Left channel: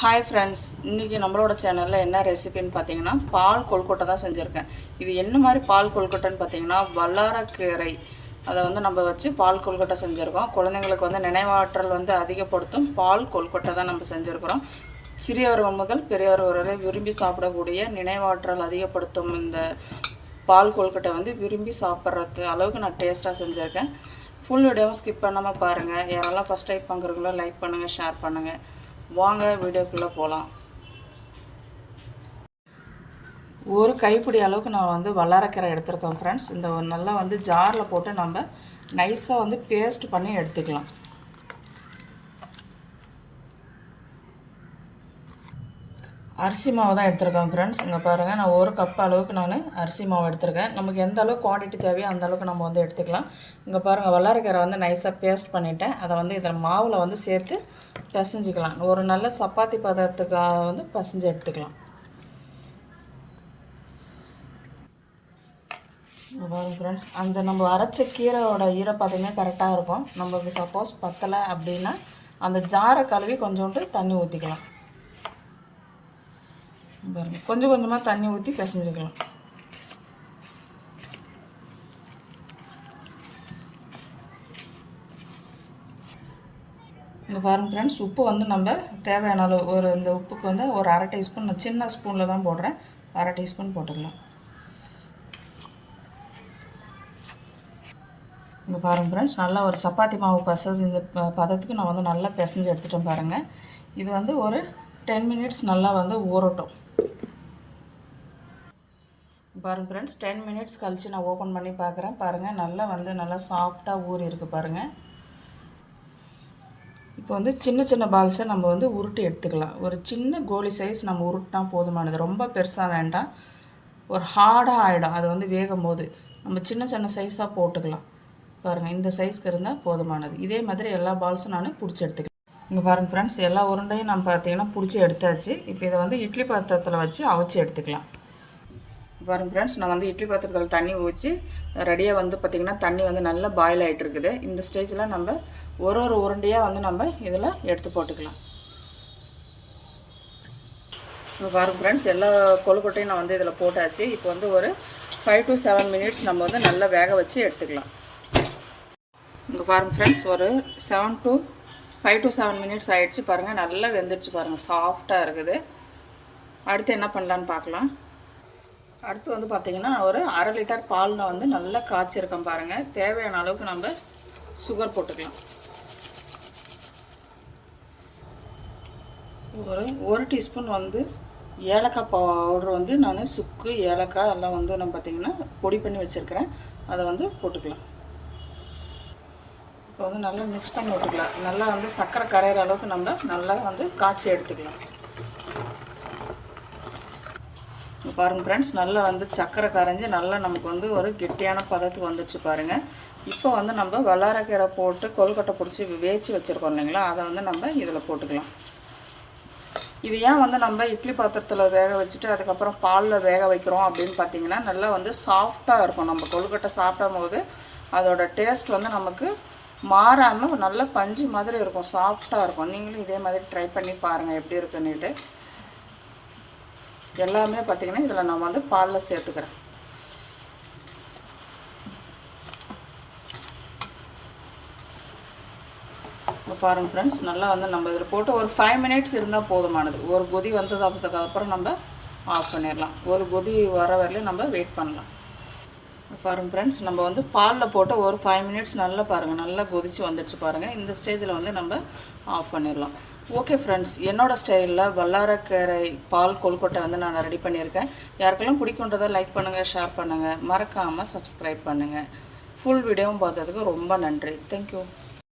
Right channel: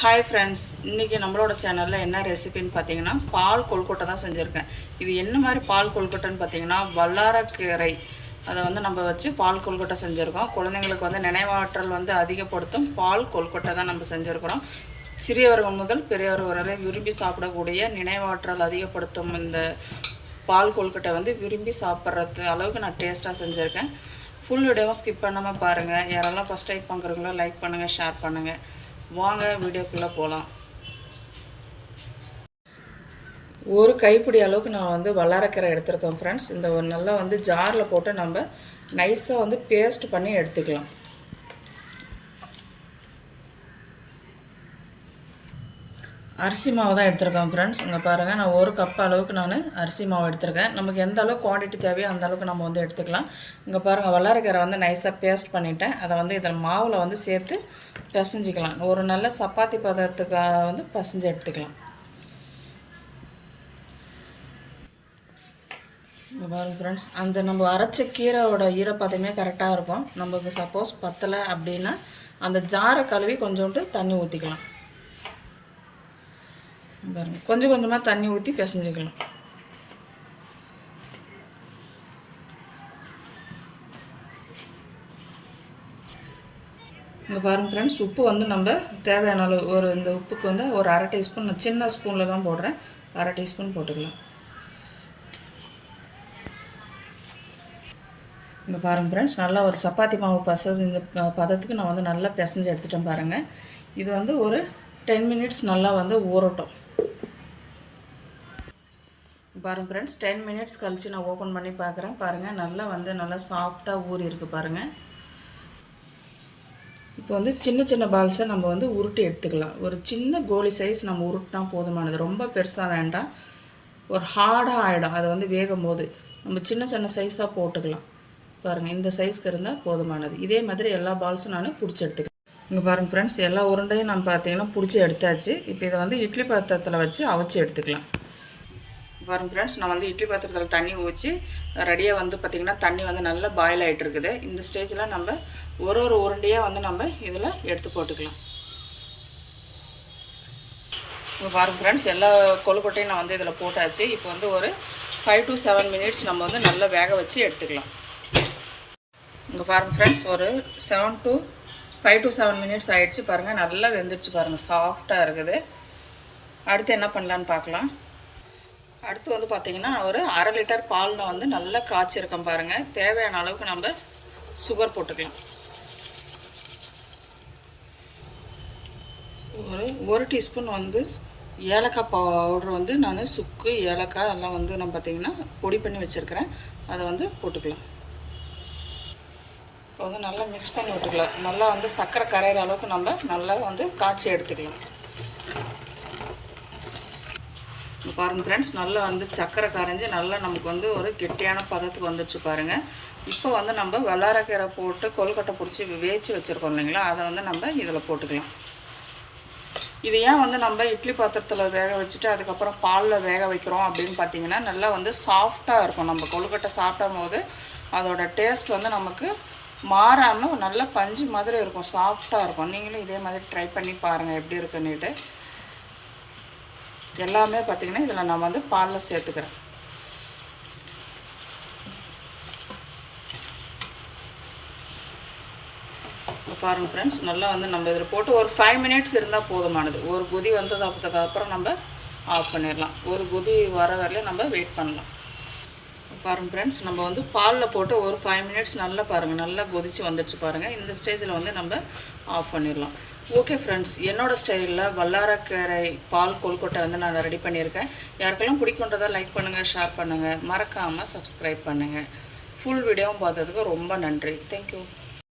Hi friends, இன்றைக்கி நம்மளோட சேனலில் என்ன ரெசிபின்னு பார்த்தீங்கன்னா பால் கொழுக்கட்டை தான் செஞ்சுருக்கேன். இது என்ன மாதிரி பால் கொழுக்கட்டைன்னு பார்த்தீங்கன்னா வல்லாரக்கீரை அதை வந்து நம்ம வச்சு பால் கொழுக்கட்டை செஞ்சுருக்கோம். குழந்தைங்களுக்கு வந்து நினைவாற்றல் வந்து அதிகப்படுத்தும் பால் கொழுக்கட்டை தான் நம்ம செஞ்சுருக்கிறோம். சிறியவர்கள் முதல் பெரியவர்கள் வரை விரும்பி சாப்பிடக்கூடிய நினைவாற்றல் அதிகப்படுத்தும் இந்த பால் கொழுக்கட்டை வந்து விரும்பி சாப்பிட்றது அளவுக்கு நான் டேஸ்ட்டாக செஞ்சுருக்கேன். ஃபுல் வீடியோவும் ஸ்கிப் பண்ணாமல் பாருங்கள். யாரெல்லாம் ஃபஸ்ட் டைம் பார்க்குறீங்களோ லைக் பண்ணுங்கள், ஷேர் பண்ணுங்கள். வாங்க வீடியோக்குள்ளே போகலாம். ஒரு கைப்பிடி அளவுக்கு நான் வந்து வல்லாரக்கீரை எடுத்துருக்கேன் ஃப்ரெண்ட்ஸ். இந்த நல்லா வந்து ஜாரில் போட்டு நம்ம நைஸாக வந்து பேஸ்ட் பண்ணி எடுத்துக்கலாம். அரிசி மாவு தான் எடுத்துருக்கேன் ஃப்ரெண்ட்ஸ். இங்கே பாருங்கள், நான் ஒரு கப் அளவுக்கு நான் அரிசி மாவு எடுத்துருக்கேன். நமக்கு எந்த அளவுக்கு குவான்டிட்டி தேவையோ அந்த அளவுக்கு நம்ம வந்து எடுத்துக்கலாம். இங்கே பாருங்கள், வல்லாரக்கீரை வந்து நைஸாக பேஸ்ட் பண்ணிவிட்டேன். அதை வந்து இதில் மாவில் வந்து சேர்த்து பிசைஞ்சிக்கலாம். ஒரு நல்ல சப்பாத்தி பதத்துக்காக வந்து பிசைஞ்சு எடுத்துக்கலாம். இங்கே பாருங்கள் ஃப்ரெண்ட்ஸ், அந்த நம்ம அரைச்ச கீரையோட ஈரப்பதமே கரெக்டாக இருக்கும். நமக்கு சப்போஸ் பத்தலை அப்படின்னா அந்த ஜாரை கழுவி கொஞ்சோண்டு தண்ணி ஊற்றிக்கலாம். பாருங்கள், கொஞ்சம் கொஞ்சமாக தண்ணி ஊற்றி பிசைஞ்சிக்கலாம். இங்கே பாருங்கள் ஃப்ரெண்ட்ஸ், உப்பு வந்து நம்ம தேவையான அளவு ஒரு இந்த உப்புக்கு வந்து ஒரு அரை டீஸ்பூன், நான் சின்ன ஸ்பூனில் தான் போடுறேன், அரை டீஸ்பூன் போட்டுக்கலாம். இங்கே பாருங்கள் ஃப்ரெண்ட்ஸ், நல்லா ஒரு சப்பாத்தி மாவு இந்த பதத்துக்கு நான் வந்து நல்லா பிசைஞ்சு எடுத்துட்டேன். பாருங்கள், இது வந்து ஒரு 10 மினிட்ஸ் நல்லா வந்து ஊறட்டும். பாருங்கள் ஃப்ரெண்ட்ஸ், 10 மினிட்ஸ் கழித்து நான் ஓப்பன் பண்ணி பார்க்குறேன். பாருங்கள், நல்லா சாஃப்டாக ஊறி இருக்குது பாருங்கள். இப்போ வந்து சின்ன சின்ன பால்ஸை நம்ம வந்து உருட்டி எடுத்துக்கலாம். ஒரு சின்ன கோலி சைஸ் நம்ம உருட்டினா போதுமானது, ரொம்ப பெருசாக வேண்டாம். ஒரு ஹார்டாக ஆகிடும் அது வந்து வேகும் போது. நம்ம சின்ன சின்ன சைஸாக போட்டுக்கலாம். பாருங்கள், இந்த சைஸ்க்கு இருந்தால் போதுமானது. இதே மாதிரி எல்லா பால்ஸும் நான் பிடிச்சி எடுத்துக்கலாம். இங்கே பாருங்கள் ஃப்ரெண்ட்ஸ், எல்லா உருண்டையும் நம்ம பார்த்திங்கன்னா பிடிச்சி எடுத்தாச்சு. இப்போ இதை வந்து இட்லி பாத்திரத்தில் வச்சு அவிச்சு எடுத்துக்கலாம். பாருங்கள் ஃப்ரெண்ட்ஸ், நான் வந்து இட்லி பாத்திரத்தில் தண்ணி ஊற்றி ரெடியாக வந்து பார்த்திங்கன்னா தண்ணி வந்து நல்லா பாயில் ஆகிட்டு இருக்குது. இந்த ஸ்டேஜில் நம்ம ஒரு உருண்டையாக வந்து நம்ம இதில் எடுத்து போட்டுக்கலாம். இப்போ பாருங்கள் ஃப்ரெண்ட்ஸ், எல்லா கொழுக்கட்டையும் நான் வந்து இதில் போட்டாச்சு. இப்போ வந்து ஒரு 5 to 7 மினிட்ஸ் நம்ம வந்து நல்லா வேக வச்சு எடுத்துக்கலாம். இங்கே பாருங்கள் ஃப்ரெண்ட்ஸ், ஒரு 5 to 7 மினிட்ஸ் ஆகிடுச்சு. பாருங்கள், நல்லா வெந்துடுச்சு. பாருங்கள், சாஃப்டாக இருக்குது. அடுத்து என்ன பண்ணலான்னு பார்க்கலாம். அடுத்து வந்து பார்த்திங்கன்னா ஒரு 1/2 லிட்டர் பாலில் வந்து நல்லா காய்ச்சிருக்கேன். பாருங்கள், தேவையான அளவுக்கு நம்ம சுகர் போட்டுக்கலாம். ஒரு டீஸ்பூன் வந்து ஏலக்காய் பவுடர் வந்து நான் சுக்கு ஏலக்காய் எல்லாம் வந்து நான் பார்த்திங்கன்னா பொடி பண்ணி வச்சுருக்கிறேன். அதை வந்து போட்டுக்கலாம். இப்போ வந்து நல்லா மிக்ஸ் பண்ணி விட்டுக்கலாம். நல்லா வந்து சர்க்கரை கரையிற அளவுக்கு நம்ம நல்லா வந்து காய்ச்சி எடுத்துக்கலாம். பாருங்கள் ஃப்ரெண்ட்ஸ், நல்லா வந்து சர்க்கரை கரைஞ்சி நல்லா நமக்கு வந்து ஒரு கெட்டியான பதத்துக்கு வந்துடுச்சு. பாருங்கள், இப்போ வந்து நம்ம வல்லாரக்கீரை போட்டு கொழுக்கட்டை பிடிச்சி வேச்சு வச்சுருக்கோம் இல்லைங்களா, அதை வந்து நம்ம இதில் போட்டுக்கலாம். இது ஏன் வந்து நம்ம இட்லி பாத்திரத்தில் வேக வச்சுட்டு அதுக்கப்புறம் பாலில் வேக வைக்கிறோம் அப்படின்னு பார்த்தீங்கன்னா, நல்லா வந்து சாஃப்டாக இருக்கும். நம்ம கொழுக்கட்டை சாப்பிடும் போது அதோட டேஸ்ட் வந்து நமக்கு மாறாமல் நல்ல பஞ்சு மாதிரி இருக்கும், சாஃப்டாக இருக்கும். நீங்களும் இதே மாதிரி ட்ரை பண்ணி பாருங்கள் எப்படி இருக்குன்னுட்டு. எல்லாமே பார்த்திங்கன்னா இதில் நான் வந்து பாலில் சேர்த்துக்கிறேன். பாருங்கள் ஃப்ரெண்ட்ஸ், நல்லா வந்து நம்ம இதில் போட்டு ஒரு 5 மினிட்ஸ் இருந்தால் போதுமானது. ஒரு கொதி வந்ததுக்கு அப்புறம் நம்ம ஆஃப் பண்ணிடலாம். ஒரு கொதி வர வரையிலும் நம்ம வெயிட் பண்ணலாம். பாருங்கள் ஃப்ரெண்ட்ஸ், நம்ம வந்து பாலில் போட்டு ஒரு 5 மினிட்ஸ் நல்லா பாருங்கள், நல்லா கொதித்து வந்துடுச்சு. பாருங்கள், இந்த ஸ்டேஜில் வந்து நம்ம ஆஃப் பண்ணிடலாம். ஓகே ஃப்ரெண்ட்ஸ், என்னோடய ஸ்டைலில் வல்லாரக்கீரை பால் கொழுக்கட்டை வந்து நான் ரெடி பண்ணியிருக்கேன். யாருக்கெல்லாம் பிடிக்குன்றதை லைக் பண்ணுங்கள், ஷேர் பண்ணுங்கள், மறக்காமல் சப்ஸ்கிரைப் பண்ணுங்கள். ஃபுல் வீடியோவும் பார்த்ததுக்கு ரொம்ப நன்றி. தேங்க்யூ.